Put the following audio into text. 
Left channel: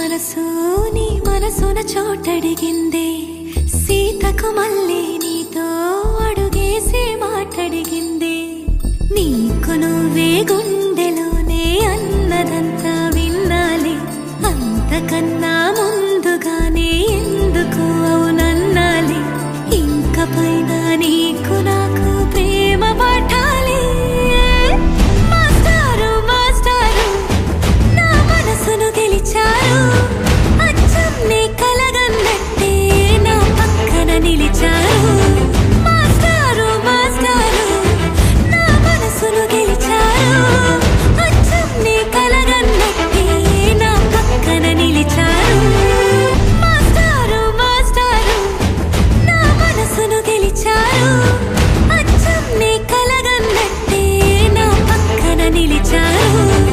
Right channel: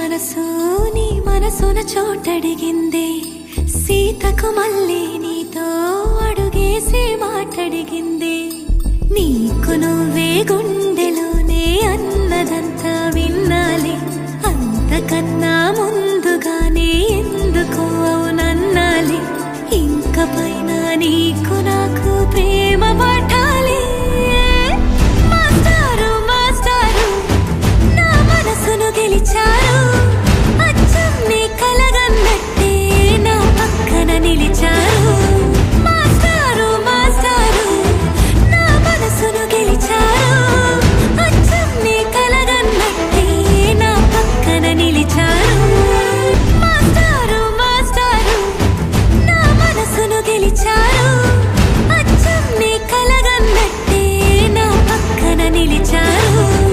మనసు నీ మనసున చోటడిగిందే, సీతకు మళ్ళీ నీతో అడుగేసి మాటడిగిందే. నీకు నువ్వే గుండెలోనే అన్నదంతా విన్నాలే, అంతకన్నా ముందుగానే ఎందుకు అవునన్నాలే. ఇంక పైన నీకు నాకు ప్రేమ